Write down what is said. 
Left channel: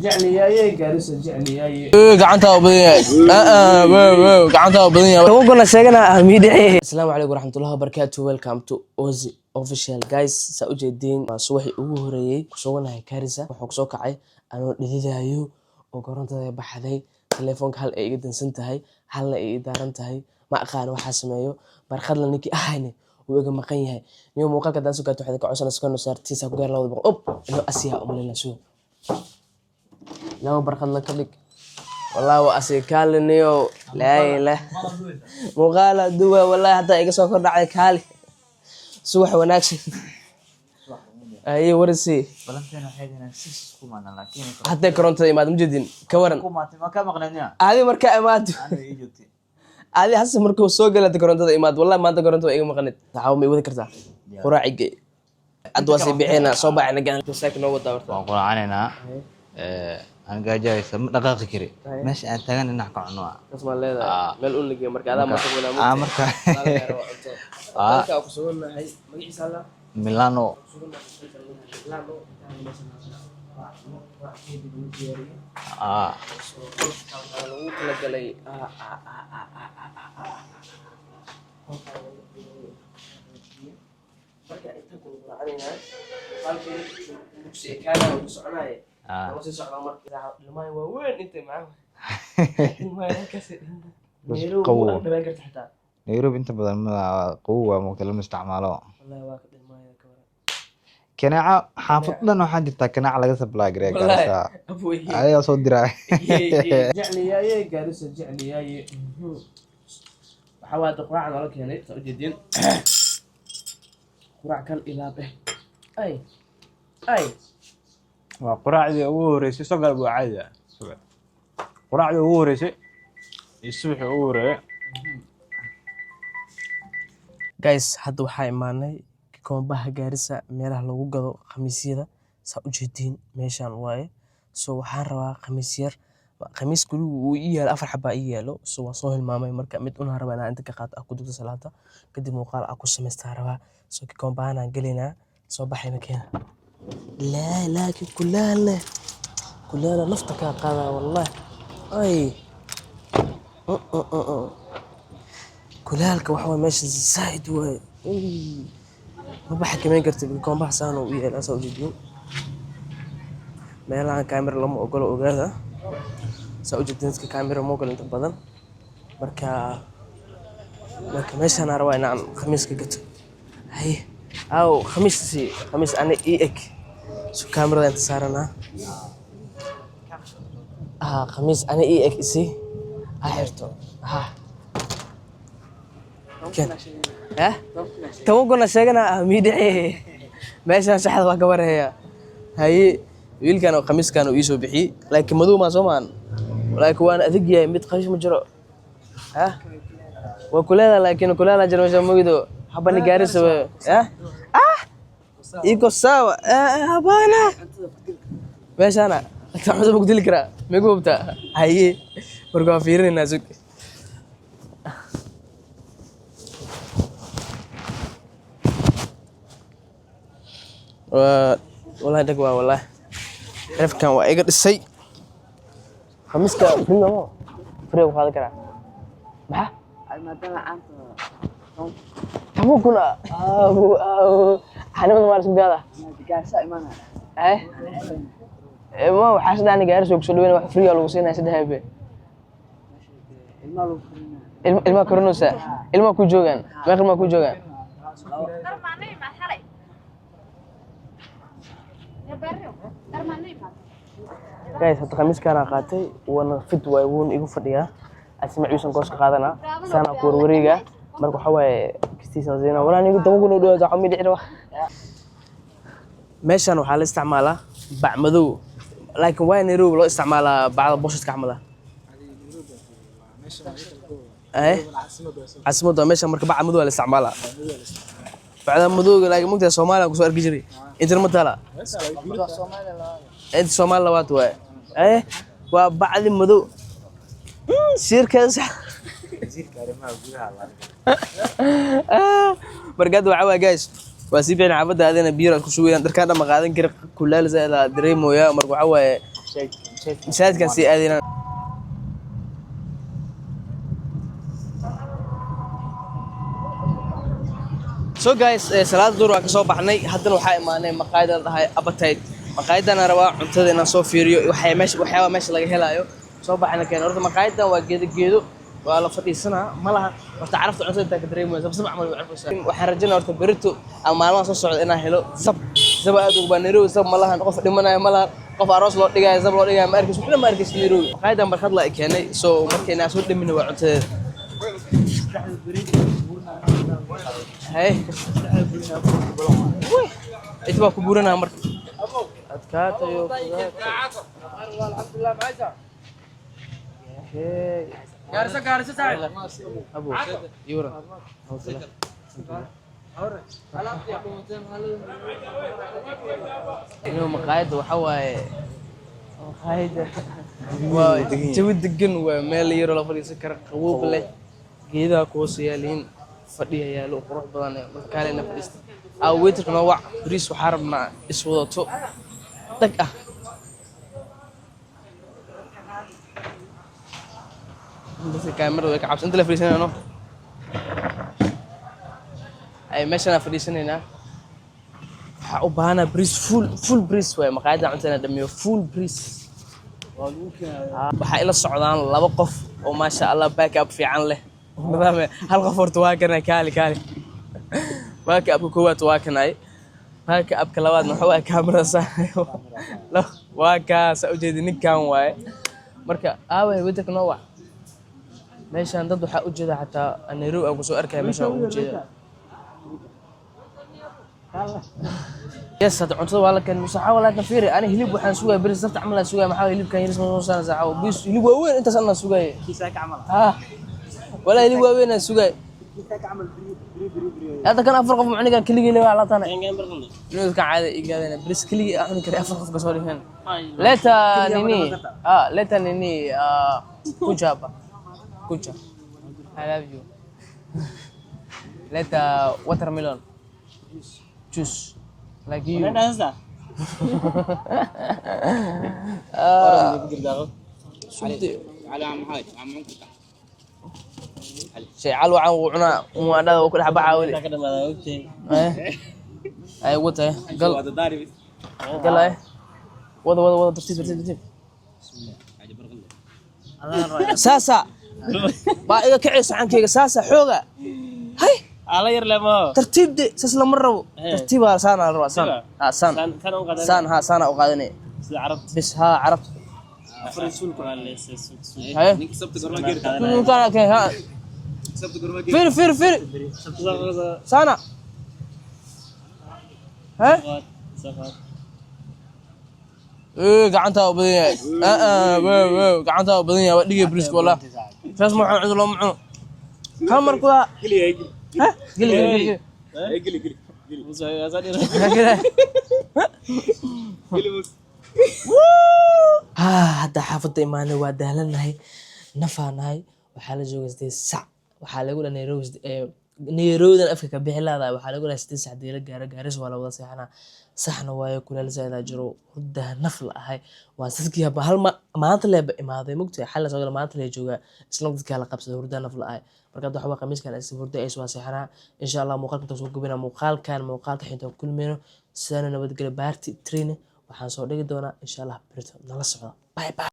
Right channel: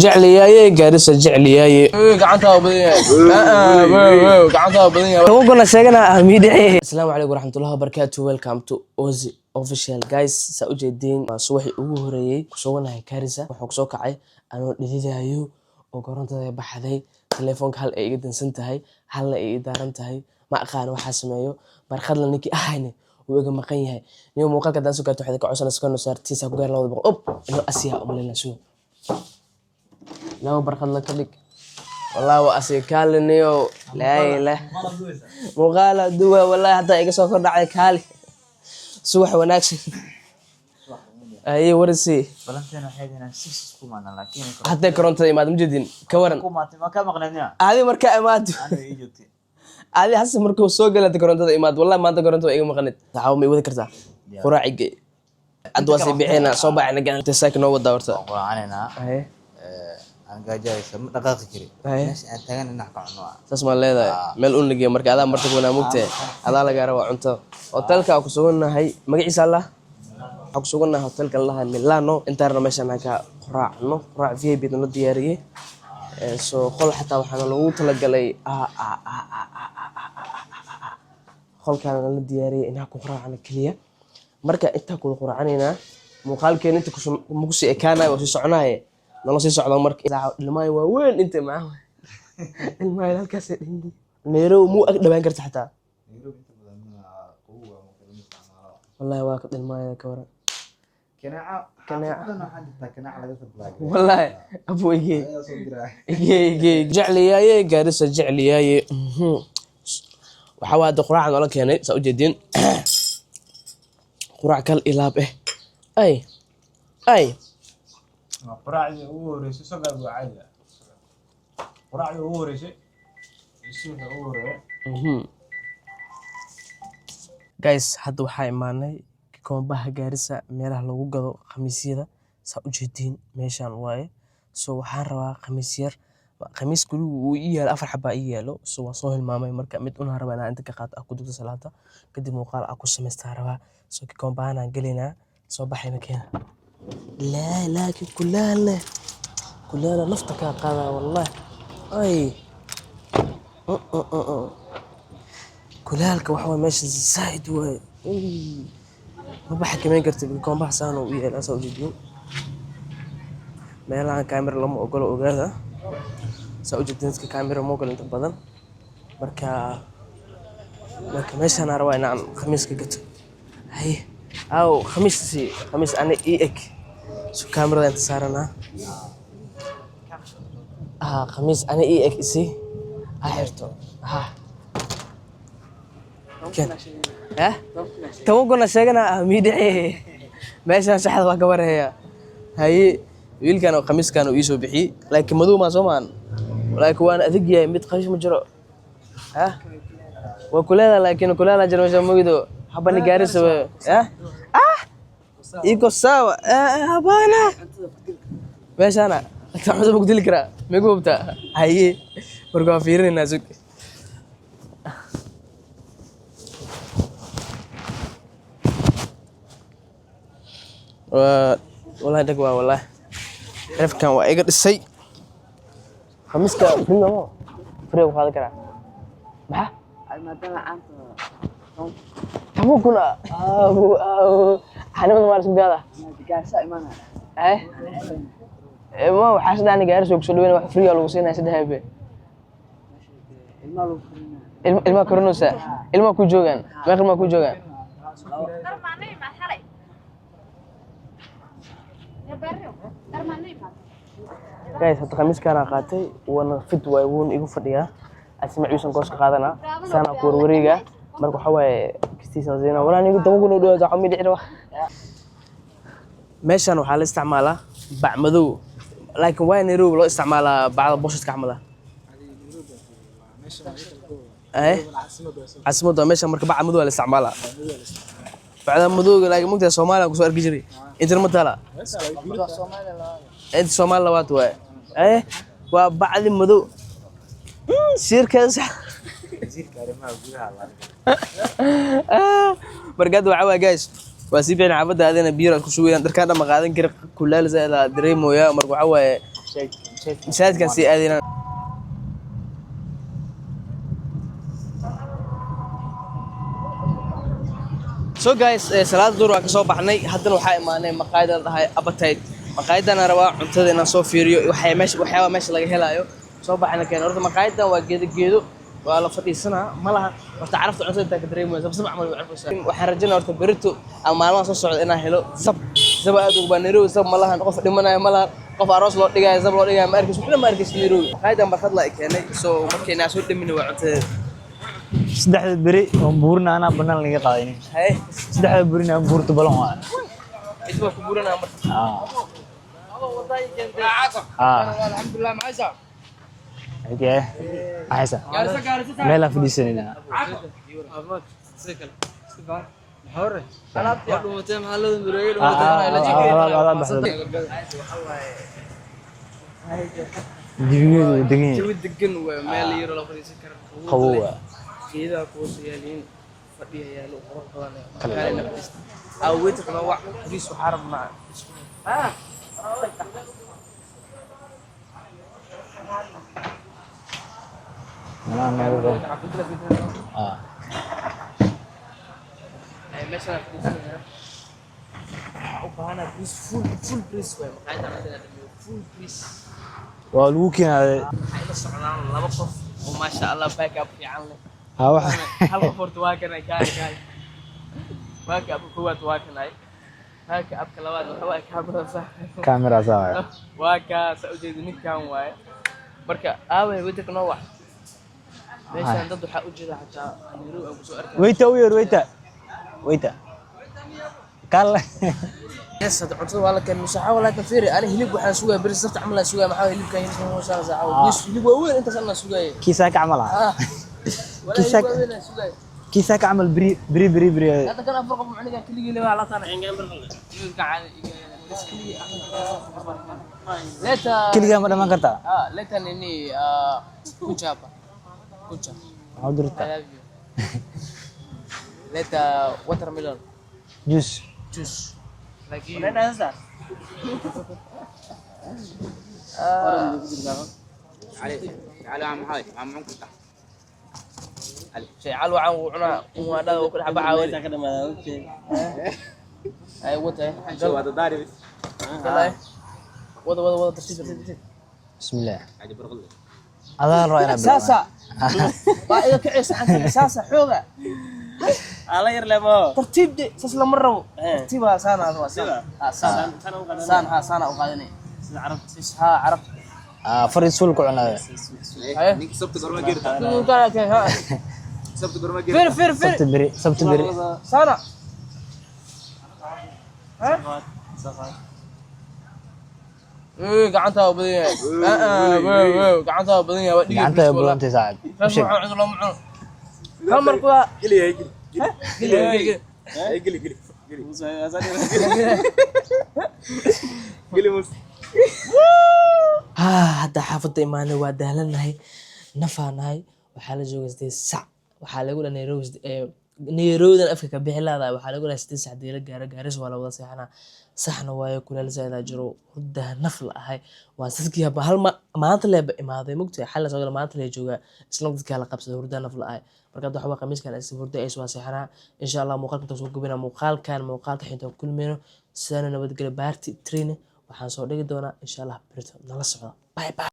جعلياي جارسة جعلياي قعنتها وبنية قعنتها وبنية توقعنا شيئا ميدعي. السلام عليكم ورحمة الله وبركاته. Welcome to Ozi Official guys. سأجدين صوحي أوهري كسونا هي كارثة وحكسوك عي أنا لذيذة وقرنت بحذي تليفونك هل إيه جدا سنتهاي هل إيه دارنتهاي ما أخان وحاسمايو برخد لنيكي أهاني ويجي مقينها يوم وقت كذا سكر تحدك عشان سكرنا صار تيسا بقول الله وضبط أوب إنه أسيا أم لنا شو لو برخد لك لك والله وأسي كالنيو لا إله مغالة دوا والله حتى إيجا سكر على كالي سوح وناكش أي ورثي بلانتين حيدنا سيس كومانا لكن حتى كرنت ما مجدين كورن كوماتي ما كان مقنعنا هذه مركا إماد أنا إيجوتي هذه حس مركو سوق لا تكرنت إماد والله ما تكرنت إيجا مقنت تعاومي وذا كرتا قراعي جي أدواسي بعينا صوبا عنا جان تساكن هو دورته قرآننا أنا قاعد جاي سم دقيقة كري مش أنت كان نحكي عنه تسمع لهذا مل أقول لك مركا هذا مركب ولا مبتة هذا لا جرى وعنته وتلك أقصونا هاي ما جي سالة ميلانو أقصونا هتلك الله ميلانو أنت رمش أنا كقراع نو قراع فيه بيتنا دياريه سو كل حتى وحنا لو تلقى لي كل كان لنا دياريه إنها قراع على كلية مركا أنت كل قراعنينا مقال كان أنت كش مقصي كان وسيسعناه والله سيسعد مركا إذا الماء وين أنت معه الماء كاس نيرو مو أقدر بنكر حتى نيروبي أنت بدل ما قوة مكلم استعماله والله واقد الماء كورة كناعة حافظنا وحاجة كناعة على قصة بلاجريك والله أبوي هاي صوت دراعي جعلياي جالسة جعلياي وحواد قراع ولا كيني سأجدين قراع كل إلاب أي وقراعدي ugu horeysay sagal buu caadi ah quraacdii ugu horeysay subaxii ugu horeeyay guys hadda waxaa imaanay koombaha gaarisa meelaha lagu gado khamiisyada saa u jeedin meeshan waaye soo waxaan rabaa khamiis yar khamiis kaliya uu ii yaalo 4 xabaa ii yaalo soo waa soo hilmaamay marka mid una rabaa inaan inta ka qaato ku dugta salaada kadib muuqaal ku sameystaa rabaa soo koombahan aan gelinaa soo baxayna keena لا لكن كلها نفتك قاضي والله اي كلها لك وحوي ماشي زايد واي ما بحكي ما قلت بكون بحسان ويا الاسا وجديو ما لها كاميرا لما اقول اوغادا سو جدينك كاميرا مو قال انت بدن marka meeshan arwaa inaan khamiiska gato hay أو خميس أنا إيك شو كاميرا أنت صارنا خميس أنا إيك إسي هايرتو كن توقعنا شيئا ميدعي ماشي شحذ وقبر هي ويل كانوا خميس كانوا يسوا بحي لكن مدو ما زمان ولكن وانا أذقيا ميت قيش مجرى وكلها لكن كلها جرى مش موجودة حبني جارس إيكو سوا هبانا ماش أنا أكتر حاجة بقول لك رأ ميقوم بتاع هاي برجع فيرن النازك والله دقوا والله عرف كان وايقر السي خميس كا فيلم ما فريق هذا كرا ما kamu kuna xanimada maar isgaada gaarsa imaana ma waxa sadani gaarso ku soo dhaweyn wax free lagu siinay saddex habe ilma koronusa ilma ku joogan meeqa ma ku joogan guys hadda khamiis kana qaatay wana fit way woon igu fadhiya asmaciisan gooska qaadana sana ku warwareega marka waxa waaye kistiisa zeena wala anigu daba kuna dhawaad waxa mid dhicro meeshan waxa la isticmaalaa bac madow laakiin waa Nairobi loo isticmaalaa bacda boshadka camala عاصمة meeshan marka bac madow la isticmaalaa bacda madow laakiin mugta Soomaaliya ku soo arki jiray inta ma tala inta Soomaaliya labaad waay waa bacdi madow shirkaas markaad waxa guys waa si fiican xaafada adeena biyo ku shuwayaan darkaan ma qaadan kara kulaal zaada dareemoya marka waxa waaye masaajidkan sii aadayna. So guys, salaad duur waan ka soo baxnay. Haddana waxaa imaanay maqaayad la dhahay Appetite. Maqaayadana rabaa cuntada inaan soo fiiriyo waxyaaba meesha laga helayo. Soo baxna keen horta maqaayadan waa geedo waa la fadhiisanaa ma laha horta carafta cuntada inta ka dareemayso sabab camal waxaan rajaynaa horta berito ama maalmaha soo socda inaan helo sab aad ugu baaneeyo sab ma lahan qof dhimanayo ma lahan qof aroos loo dhigayo sab loo dhigayo ma arkis waxna ma arkis Nairobi maqaayadan barxad la keenay soo markayna soo dhamin waa cuntada saddexda beri oo buurna anaa banaan laga qaadayni saddexda berina buurta balan waa inta ku buurana marka alxamdulillah maaysa okay aysa meel aan fadhiisanayna maqaayada waxa waaye jawi degan waa meel yar oo la fadhiisan karo qabow leh geedaha kuhoos yaaliin fadhiya yaalo qurux badan makaale la fadhiista awgeedka nooc bariis waxaa rabnaa iswadato dag ah كاميرا كعبس انت اللي فريسنا نو اي ماشي انا فريسنا وبانا بريس فول بريس way maqaayada cuntada dhamiyo full breeze waa lagu keenay waxa ila socdaan laba qof oo ma sha Allah back up fiican leh hal qof horta waa kana kaali back up koowaad waa kanay back up ka labaad waxa waa kaamira saayo waa ka soo jeedin ninkan waaye marka aaway wadaka noo wax meeshaan dad waxa u jeeda xataa Nairobi aan ku soo arkay wayta kala yes hada cuntada waa la keenay saxa wala ka fiiri ana hilib waxaan sugay bari sabta camal aan sugay maxaa hilibka yar soo saaca bis hilib weyn inta sana sugay kiisa ka camal wala hilib weyn aan sugay kiisa ka camal biri hada kan afar qof macniga kaliya leeyahay la taana inuu ka caadi igaadana bris kaliya aan kari afar qof ka soo dhigeen leta kaliya ma dhaman kartaa leta nini kujaba kucha عودرتا leta watermelon juice like you علي عم هاي عم كنت شيء علو عن وعنا وانا وكل حبه عاودي اي وته قال هذا داري قال ايه وضع ترتيب بسم الله عجب برغله هذا الرأي ساسا با إذا كعيس عنك ساسا حوغة هاي على يرلمو ترتيب دي ساس لما ربو ترتيبها سانا روا سانا سانا سانا وقادني بس ها عرفت فرنسول كعنا نيك سبت قرما جيرت كان كي ها سبت قرما جيرت فير سبت بري سانا ها قعنتها بدنيا قعنتها بدنيا وديك بس والله فاسمع عند الله معه كم مرة قلي ها قلي هذا حافظ إيمانه ودهلنا نفعناي وحال جوز دي سع وحال يقول نيروز أفكك بحلا وحال يقول استسع دي جارس ولا وضع سحنا saxna waayo kuleel zaid jiro hurda nafl ahay waa sadkiya hal maanta leeb imaaday mugtay xal soo gal maanta leey jooga isla dadka la qabsada hurda nafl ahay marka waxa khamiiskan is hurda ay soo saxana insha Allah muuqaalka soo gubina muuqaalka xinta kulmeeno sana nabad gal baarti train waxaan soo dhigi doonaa insha Allah birta nala socda bye bye